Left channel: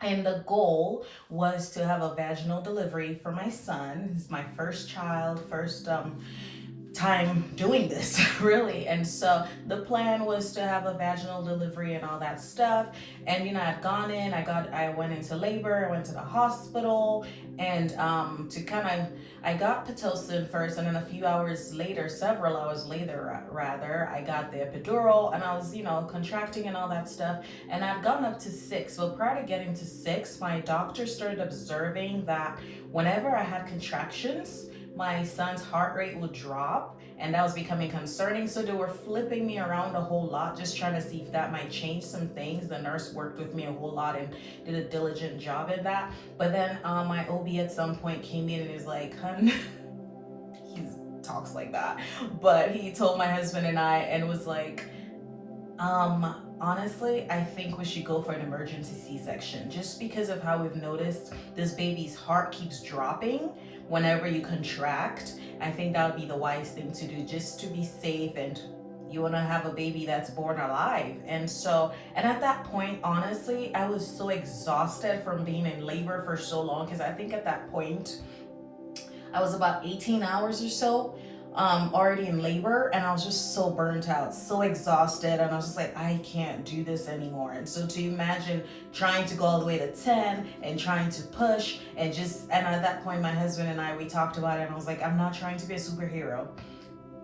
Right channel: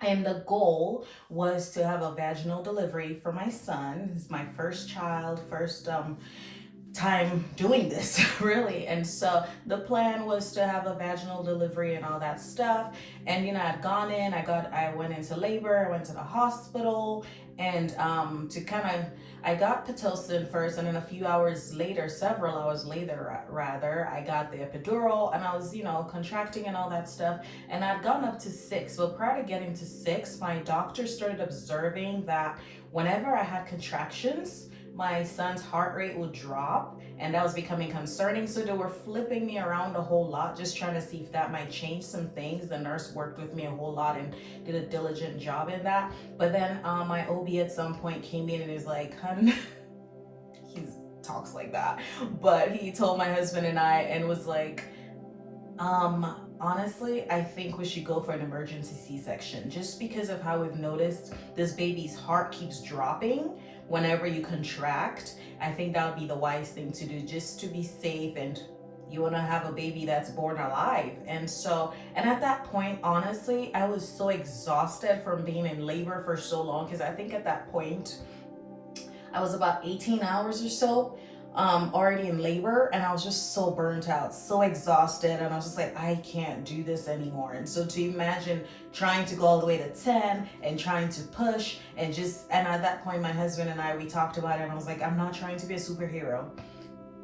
And the goal was to have a vaginal delivery for my son. He's my first child, first time doing this really. And so the plan was to have a vaginal delivery and all that stuff. And I'd gone in, I went into labor, I went to the hospital, and to kind of I got pitocin first, and then a few hours later, several hours later rather, I got the epidural, and I was contracting and all that stuff. And I'd gone up to 6. Well, prior to getting to 6, my doctor started observing that whenever I had contractions, my son's heart rate would drop, and that was becoming concerning. So they were flipping me around a whole lot, just trying to see if that might change some things. The nurse worked with me a whole lot and did a diligent job in that. But then my OB at some point came in and is like, hun, he talks like that, but he told my husband and I, and was like, honestly, I think we should go for an emergency C-section, just because of how we've noticed this baby's heart keeps dropping whenever you contract. I think that would be the wise thing to do, just to be safe, and you want to have a baby that's born alive. And at that point, honestly, I was so exhausted from being in labor for so long, because I think at that point I was about 18 hours or so already in labor, and I was just so burnt out, so exhausted, and I was just like, I can't do this anymore. And so to imagine trying to go all the way to 10 and trying to push, and at that point, my husband and I, we talked about it, and I was like, I'm not trying to be a superhero.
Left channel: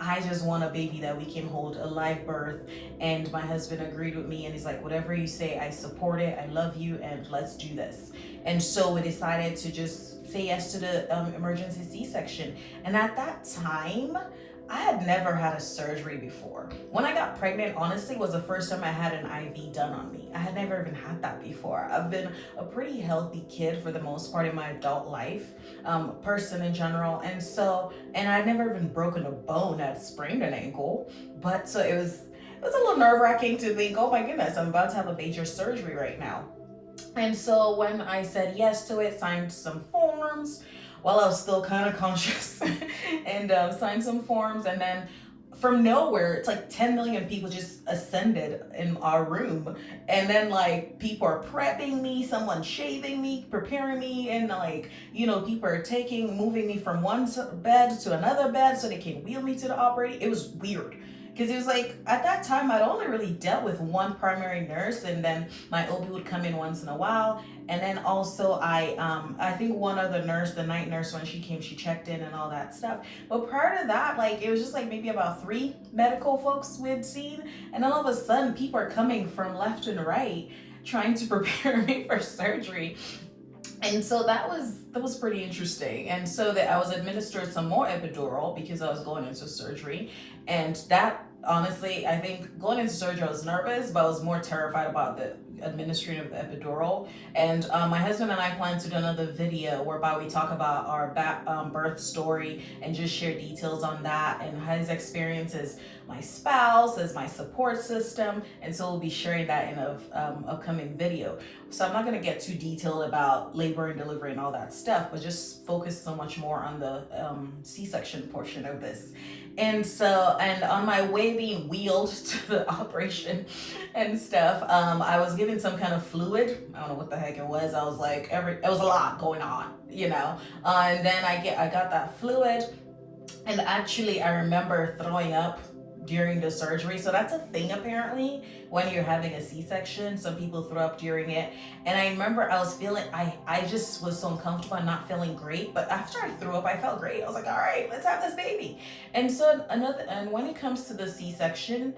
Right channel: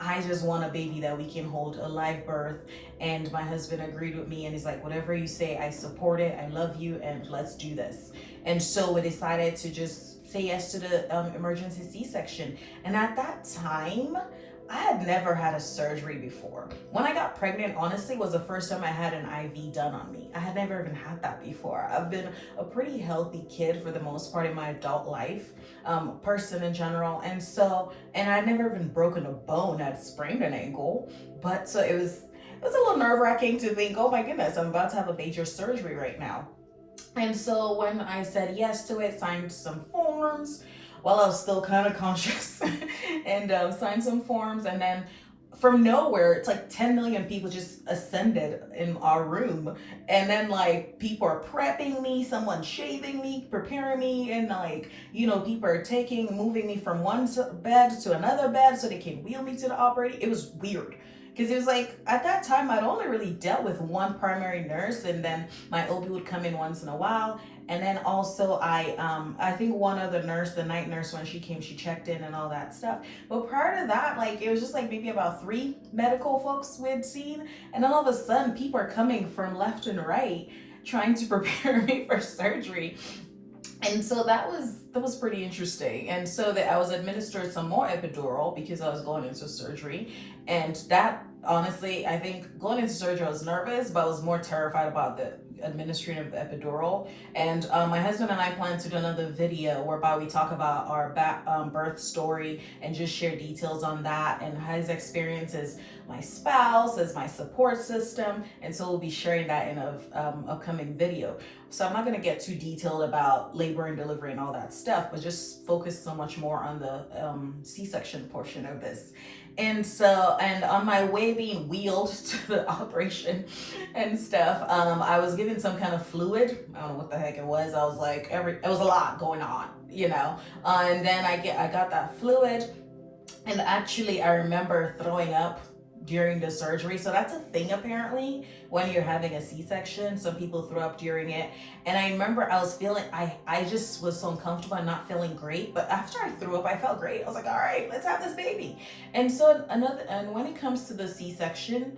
I just want a baby that we can hold, a live birth. And my husband agreed with me, and he's like, whatever you say, I support it, I love you, and let's do this. And so we decided to just say yes to the emergency C-section. And at that time, I had never had a surgery before. When I got pregnant, honestly, was the first time I had an IV done on me. I had never even had that before. I've been a pretty healthy kid for the most part in my adult life, person in general. And I'd never even broken a bone. I'd sprained an ankle. But so it was a little nerve-wracking to think, oh my goodness, I'm about to have a major surgery right now. And so when I said yes to it, signed some forms while I was still kind of conscious, and signed some forms. And then from nowhere, it's like 10 million people just ascended in our room. And then like people are prepping me, someone shaving me, preparing me. And like, people are moving me from one bed to another bed so they can wheel me to the operating. It was weird, because it was like, at that time I'd only really dealt with one primary nurse, and then my OB would come in once in a while. And then also I think one other nurse, the night nurse, when she came, she checked in and all that stuff. But prior to that, like, it was just like maybe about 3 medical folks we'd seen. And then all of a sudden people are coming from left and right trying to prepare me for surgery. And so that was pretty interesting. And so that I was administered some more epidural because I was going into surgery. And that, honestly, I think going into surgery I was nervous, but I was more terrified about the administering of the epidural. And my husband and I plan to do another video whereby we talk about our birth story and just share details on that, and his experience as my spouse, as my support system. And so we'll be sharing that in a upcoming video. So I'm not going to get too detailed about labor and delivery and all that stuff, but just focus so much more on the C-section portion of this. And on my way being wheeled to the operation and stuff, I was given some kind of fluid. I don't know what the heck it was. I was like, it was a lot going on, and then I got that fluid, and actually I remember throwing up during the surgery. So that's a thing apparently when you're having a C-section. Some people throw up during it. And I remember I was feeling, I just was so uncomfortable and not feeling great. But after I threw up, I felt great. I was like, all right, let's have this baby. And so and when it comes to the C-section,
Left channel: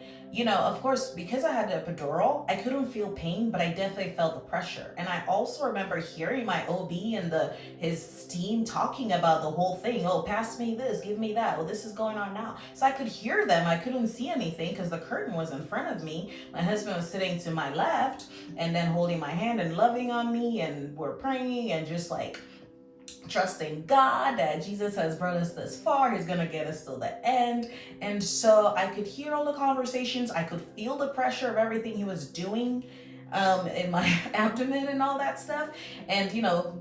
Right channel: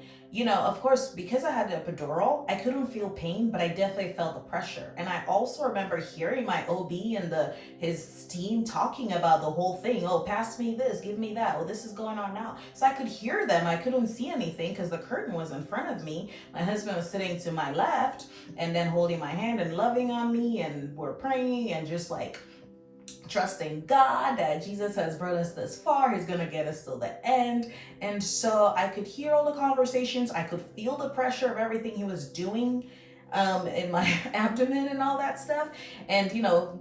of course, because I had the epidural, I couldn't feel pain, but I definitely felt the pressure. And I also remember hearing my OB and his team talking about the whole thing. Oh, pass me this, give me that. Oh, this is going on now. So I could hear them. I couldn't see anything because the curtain was in front of me. My husband was sitting to my left and then holding my hand and loving on me, and we're praying and just like trusting God that Jesus has brought us this far. He's going to get us till the end. And so I could hear all the conversations. I could feel the pressure of everything he was doing in my abdomen and all that stuff. And,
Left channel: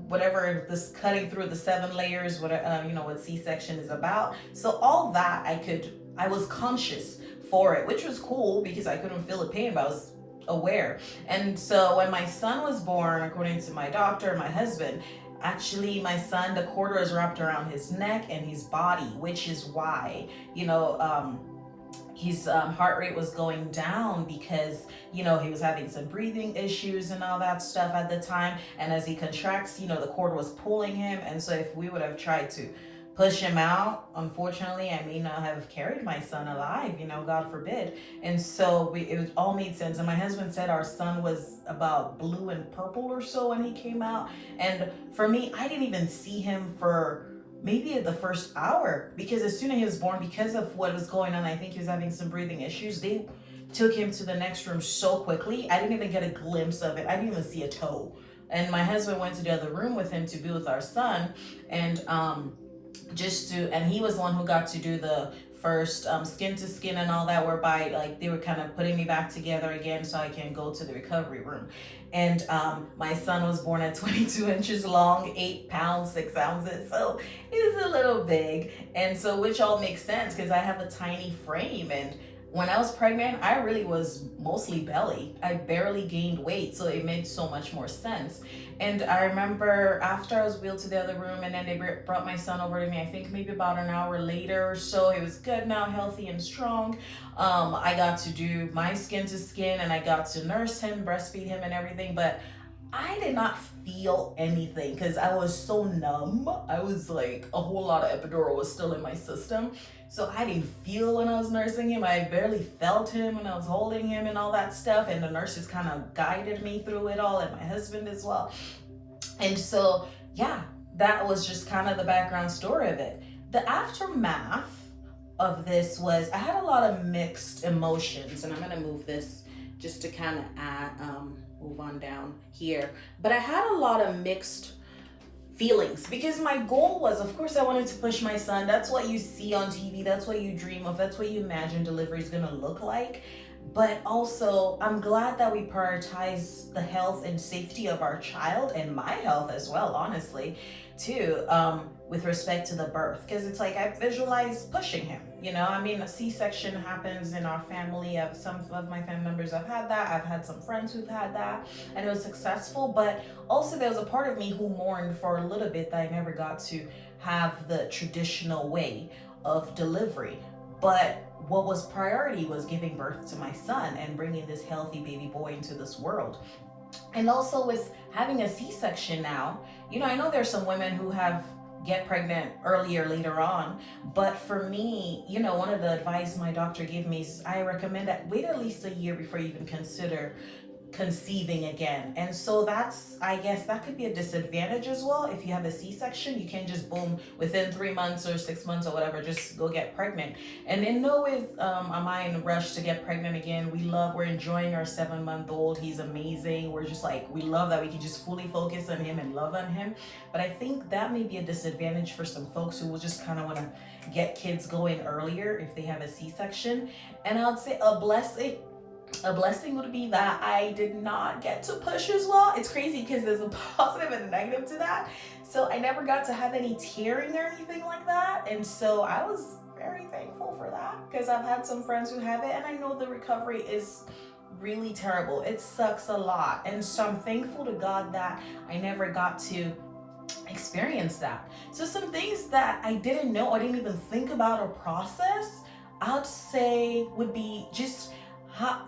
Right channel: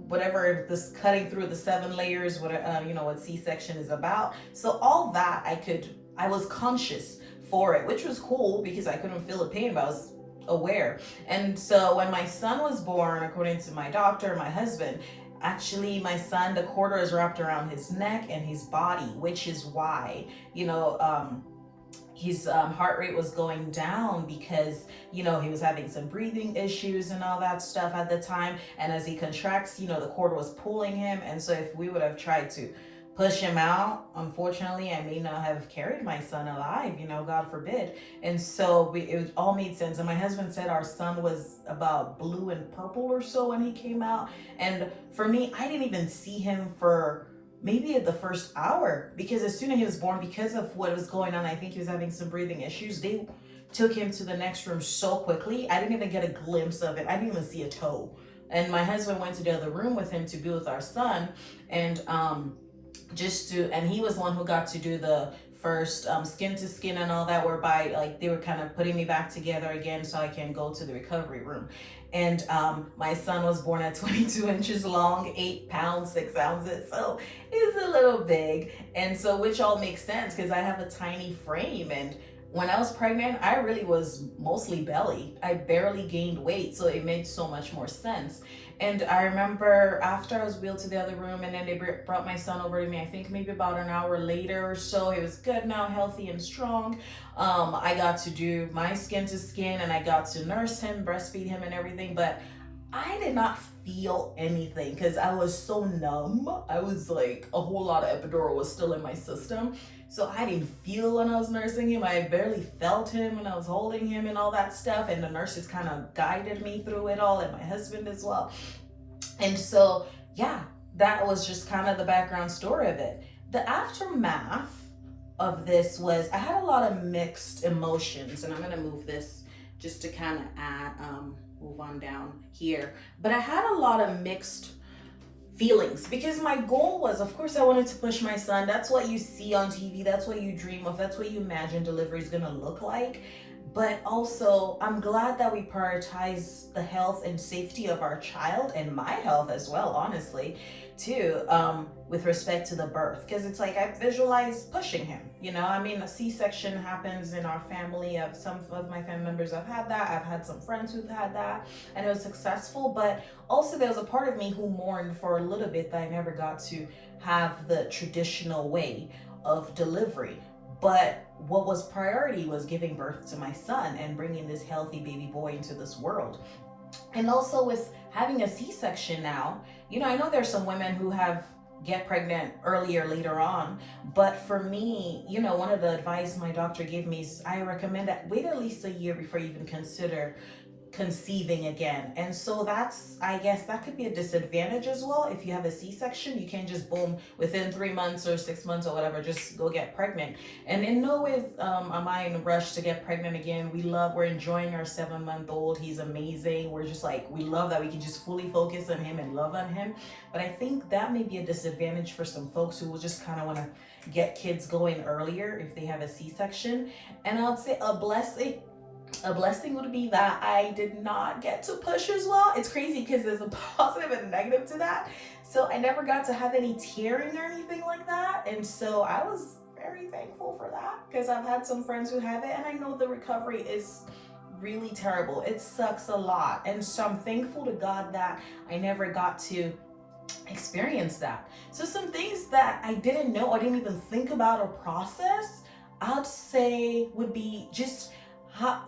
whatever this cutting through the 7 layers, what C-section is about. So all that I was conscious for it, which was cool because I couldn't feel the pain, but aware. And so when my son was born, according to my doctor, my husband, actually my son, the cord is wrapped around his neck and his body, which is why, his heart rate was going down because he was having some breathing issues and all that stuff at the time. And as he contracts, the cord was pulling him. And so if we would have tried to push him out, unfortunately I may not have carried my son alive, God forbid. And so it all made sense. And my husband said our son was about blue and purple or so when he came out. And for me, I didn't even see him for maybe at the first hour, because as soon as he was born, because of what was going on, I think he was having some breathing issues, they took him to the next room so quickly. I didn't even get a glimpse of it. I didn't even see a toe. And my husband went to the other room with him to be with our son, and and he was the one who got to do the first skin to skin and all that, whereby like they were kind of putting me back together again so I can go to the recovery room. And my son was born at 22 inches long, 8 pounds, 6 ounces. So it's a little big. And so, which all makes sense because I have a tiny frame. And when I was pregnant, I really was mostly belly. I barely gained weight. So it made so much more sense. And I remember after I was wheeled to the other room and then they brought my son over to me, I think maybe about an hour later or so. He was good now, healthy and strong. I got to do my skin to skin and I got to nurse him, breastfeed him and everything. But I did not feel anything because I was so numb. I was like, a whole lot of epidural was still in my system. So I didn't feel when I was nursing him. I barely felt him when I was holding him and all that stuff. And the nurses kind of guided me through it all, and my husband as well. And so, yeah, that was just kind of the background story of it. The aftermath of this was, I had a lot of mixed emotions, and I'm going to move this just to kind of move on down here. But I had a lot of mixed feelings because my goal was, of course, I wanted to push my son. That's what you see on TV. That's what you dream of. That's what you imagine delivery is going to look like. But also, I'm glad that we prioritize the health and safety of our child and my health as well, honestly, too, with respect to the birth. Because it's like I visualize pushing him, I mean, a C-section happens in our family. Some of my family members have had that. I've had some friends who've had that, and it was successful. But also there was a part of me who mourned for a little bit that I never got to have the traditional way of delivery. But what was priority was giving birth to my son and bringing this healthy baby boy into this world. And also with having a C-section now, I know there's some women who get pregnant earlier later on, but for me, one of the advice my doctor gave me is I recommend that wait at least a year before you even consider conceiving again. And so I guess that could be a disadvantage as well. If you have a C-section, you can't just boom within 3 months or 6 months or whatever, just go get pregnant. And in no way am I in a rush to get pregnant again. We're enjoying our 7-month-old. He's amazing. We're just like, we love that we can just fully focus on him and love on him. But I think that may be a disadvantage for some folks who will just kind of want to get kids going earlier if they have a C-section. And I would say a blessing would be that I did not get to push as well. It's crazy because there's a positive and a negative to that. So I never got to have any tearing or anything like that. And so I was very thankful for that because I've had some friends who have it, and I know the recovery is really terrible. It sucks a lot. And so I'm thankful to God that I never got to experience that. So some things that I didn't know, I didn't even think about or process, I'd say would be just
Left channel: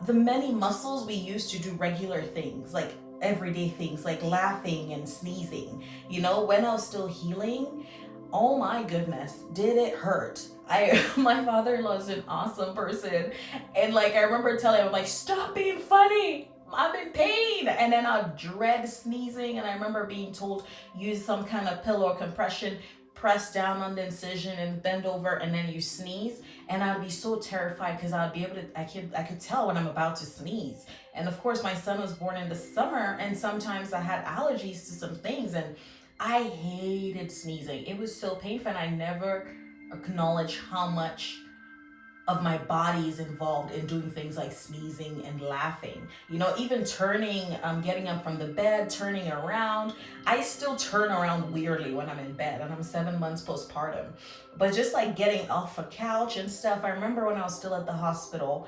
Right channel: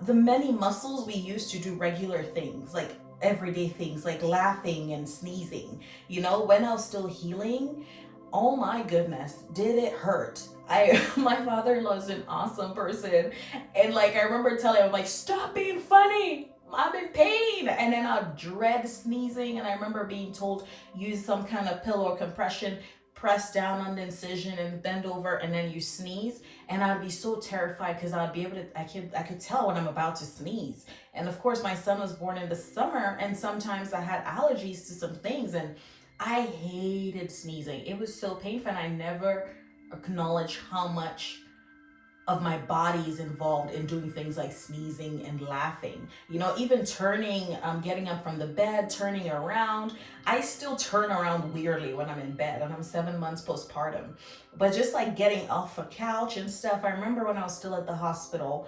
the many muscles we use to do regular things, like everyday things, like laughing and sneezing. When I was still healing, oh my goodness, did it hurt. My father-in-law is an awesome person. And I remember telling him, stop being funny. I'm in pain. And then I'd dread sneezing. And I remember being told, use some kind of pillow or compression, press down on the incision and bend over, and then you sneeze. And I'd be so terrified because I'd be able to, I could tell when I'm about to sneeze. And of course, my son was born in the summer, and sometimes I had allergies to some things, and I hated sneezing. It was so painful, and I never acknowledged how much of my body is involved in doing things like sneezing and laughing. Even turning, getting up from the bed, turning around. I still turn around weirdly when I'm in bed, and I'm 7 months postpartum. But just getting off a couch and stuff. I remember when I was still at the hospital,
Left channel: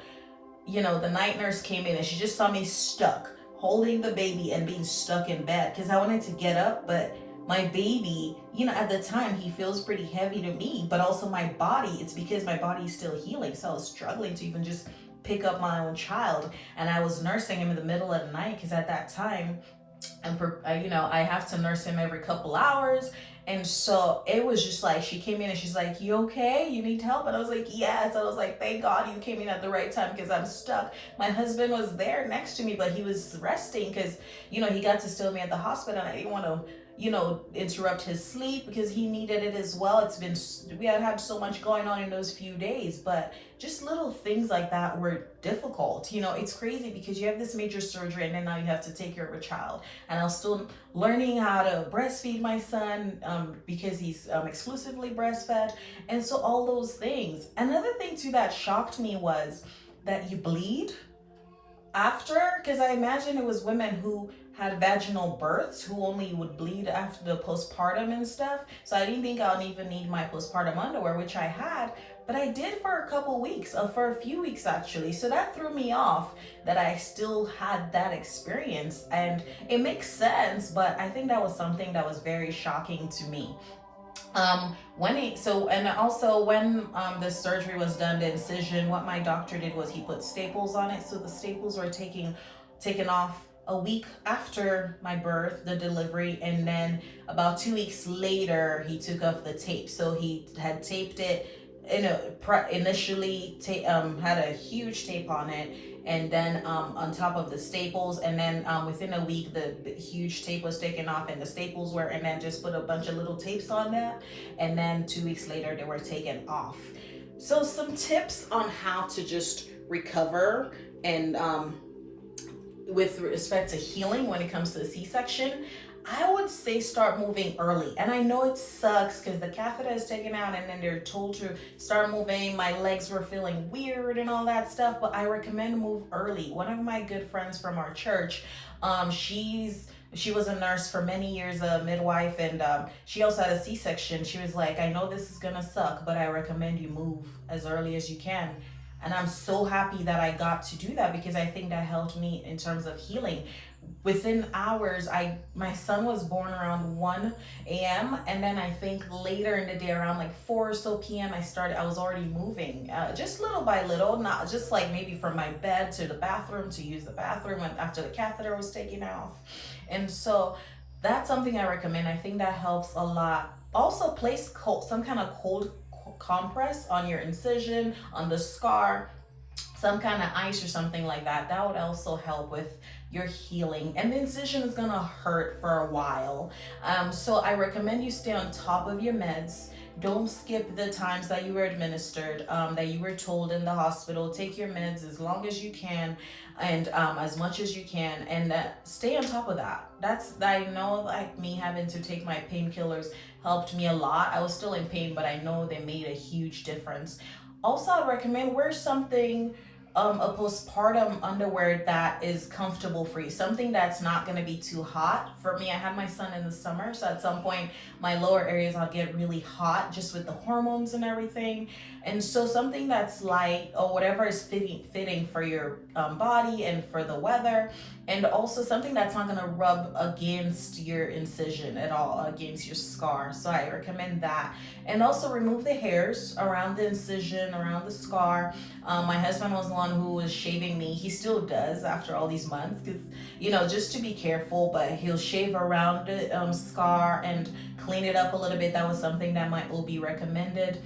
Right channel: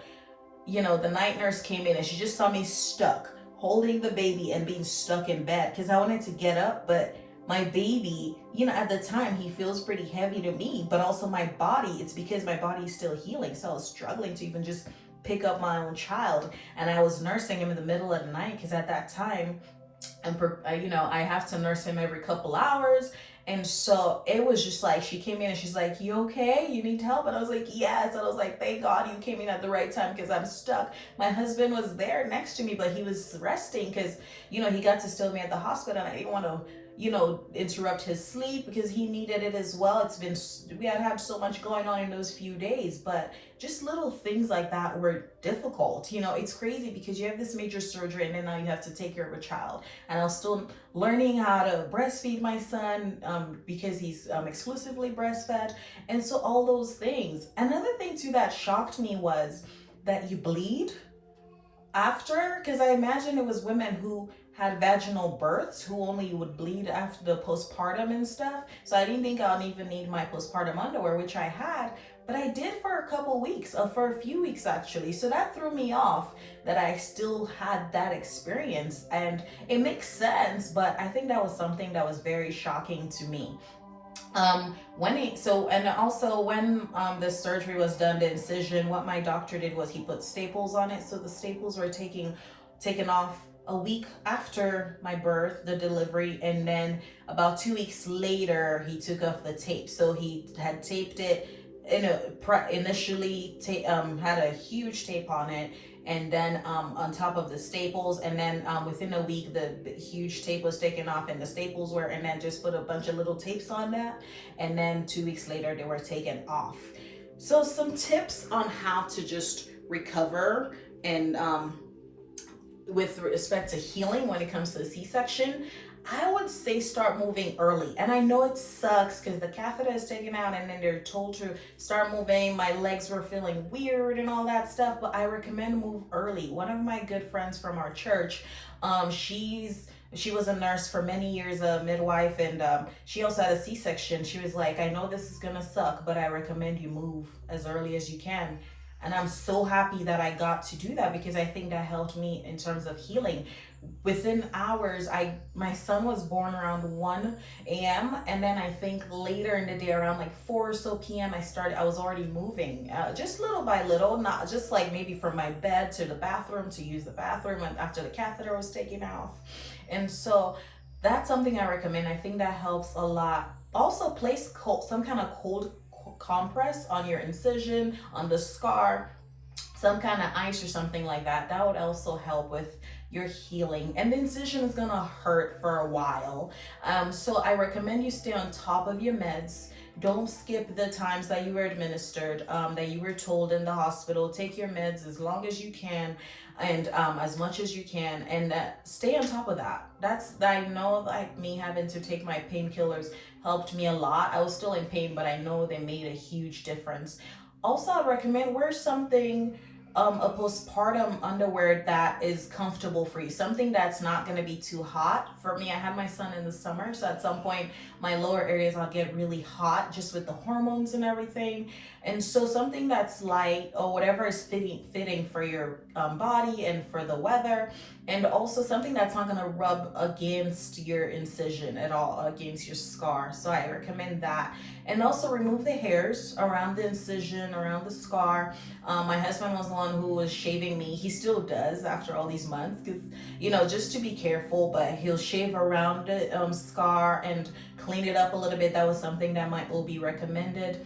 the night nurse came in and she just saw me stuck, holding the baby and being stuck in bed because I wanted to get up, but my baby, at the time he feels pretty heavy to me, but also my body, it's because my body is still healing. So I was struggling to even just pick up my own child. And I was nursing him in the middle of the night because at that time, and I have to nurse him every couple hours. And so it was just like, she came in and she's like, "You okay? You need help?" And I was like, "Yes." And I was like, "Thank God you came in at the right time because I'm stuck." My husband was there next to me, but he was resting because, he got to stay with me at the hospital and I didn't want to, interrupt his sleep because he needed it as well. We had so much going on in those few days, but just little things like that were difficult. It's crazy because you have this major surgery and then now you have to take care of a child. And I was still learning how to breastfeed my son because he's exclusively breastfed. And so all those things. Another thing too that shocked me was that you bleed after, because I imagine it was women who had vaginal births who only would bleed after the postpartum and stuff. So I didn't think I'd even need my postpartum underwear, which I had, but I did for a couple weeks, for a few weeks actually. So that threw me off that I still had that experience, and it makes sense, but I think that was something that was very shocking to me. When the surgery was done, the incision, what my doctor did was he put staples on it. So the staples were taken off a week after my birth, the delivery, and then about 2 weeks later he took off the tape. So he had taped it initially had a huge tape on it, and then on top of the staples, and then within a week the huge tape was taken off and the staples were, and then just put a bunch of little tapes on that, and then 2 weeks later they were taken off. So some tips on how to just recover and with respect to healing when it comes to the C-section. I would say start moving early. And I know it sucks because the catheter is taken out and then they're told to start moving. My legs were feeling weird and all that stuff, but I recommend move early. One of my good friends from our church, she was a nurse for many years, a midwife, and she also had a C-section. She was like, "I know this is gonna suck, but I recommend you move as early as you can." And I'm so happy that I got to do that because I think that helped me in terms of healing. Within hours, my son was born around 1 a.m. and then I think later in the day around like 4 or so p.m. I was already moving, just little by little, not just like maybe from my bed to the bathroom to use the bathroom after the catheter was taken off. And so that's something I recommend. I think that helps a lot. Also place some kind of cold compress on your incision, on the scar, some kind of ice or something like that. That would also help with your healing. And the incision is gonna hurt for a while. So I recommend you stay on top of your meds. Don't skip the times that you were administered, that you were told in the hospital. Take your meds as long as you can and as much as you can, and stay on top of that. I know, like me having to take my painkillers helped me a lot. I was still in pain, but I know they made a huge difference. Also, I'd recommend wear something, a postpartum underwear that is comfortable for you, something that's not going to be too hot. For me, I had my son in the summer, so at some point my lower areas I'll get really hot just with the hormones and everything. And so something that's light or whatever is fitting for your body and for the weather, and also something that's not going to rub against your incision at all, against your scar. So I recommend that. And also remove the hairs around the incision, around the scar. My husband was the one who was shaving me. He still does after all these months, because just to be careful, but he'll shave around the scar and clean it up a little bit. That was something that my OB recommended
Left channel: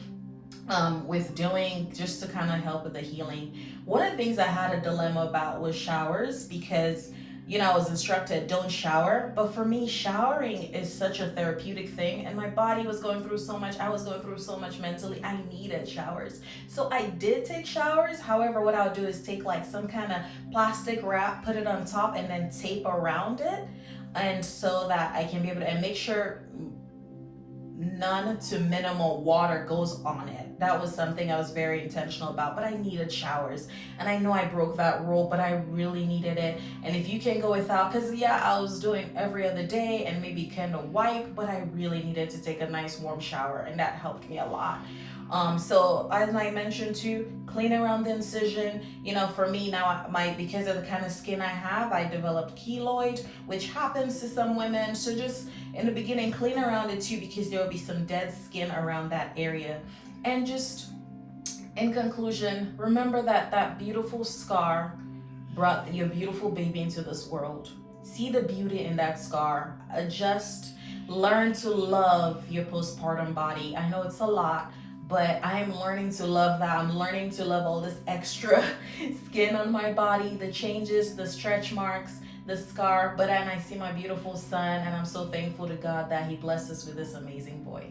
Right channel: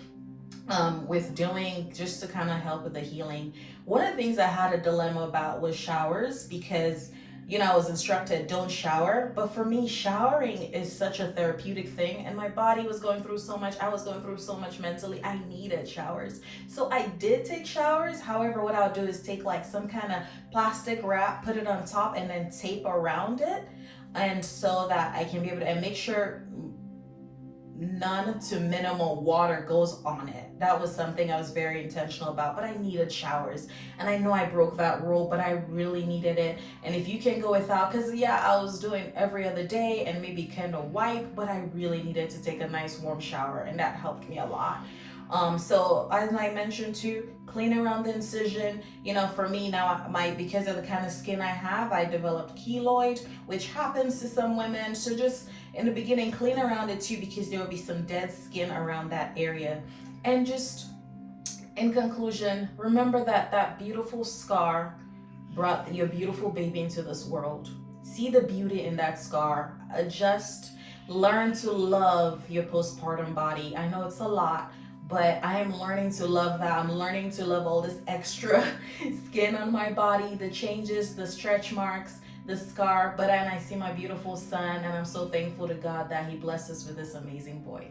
with doing, just to kind of help with the healing. One of the things I had a dilemma about was showers, because I was instructed don't shower, but for me showering is such a therapeutic thing, and my body was going through so much. I was going through so much mentally. I needed showers, so I did take showers. However, what I'll do is take like some kind of plastic wrap, put it on top, and then tape around it, and so that I can be able to, and make sure none to minimal water goes on it. That was something I was very intentional about, but I needed showers, and I know I broke that rule, but I really needed it. And if you can go without, because I was doing every other day and maybe kind of wipe, but I really needed to take a nice warm shower, and that helped me a lot. So as I mentioned too, clean around the incision. You know, for me now, because of the kind of skin I have, I developed keloid, which happens to some women. So just in the beginning, clean around it too, because there will be some dead skin around that area. And just in conclusion, remember that that beautiful scar brought your beautiful baby into this world. See the beauty in that scar. Adjust, learn to love your postpartum body. I know it's a lot, but I am learning to love that. I'm learning to love all this extra skin on my body, the changes, the stretch marks, the scar. But then I see my beautiful son, and I'm so thankful to God that He blessed us with this amazing boy.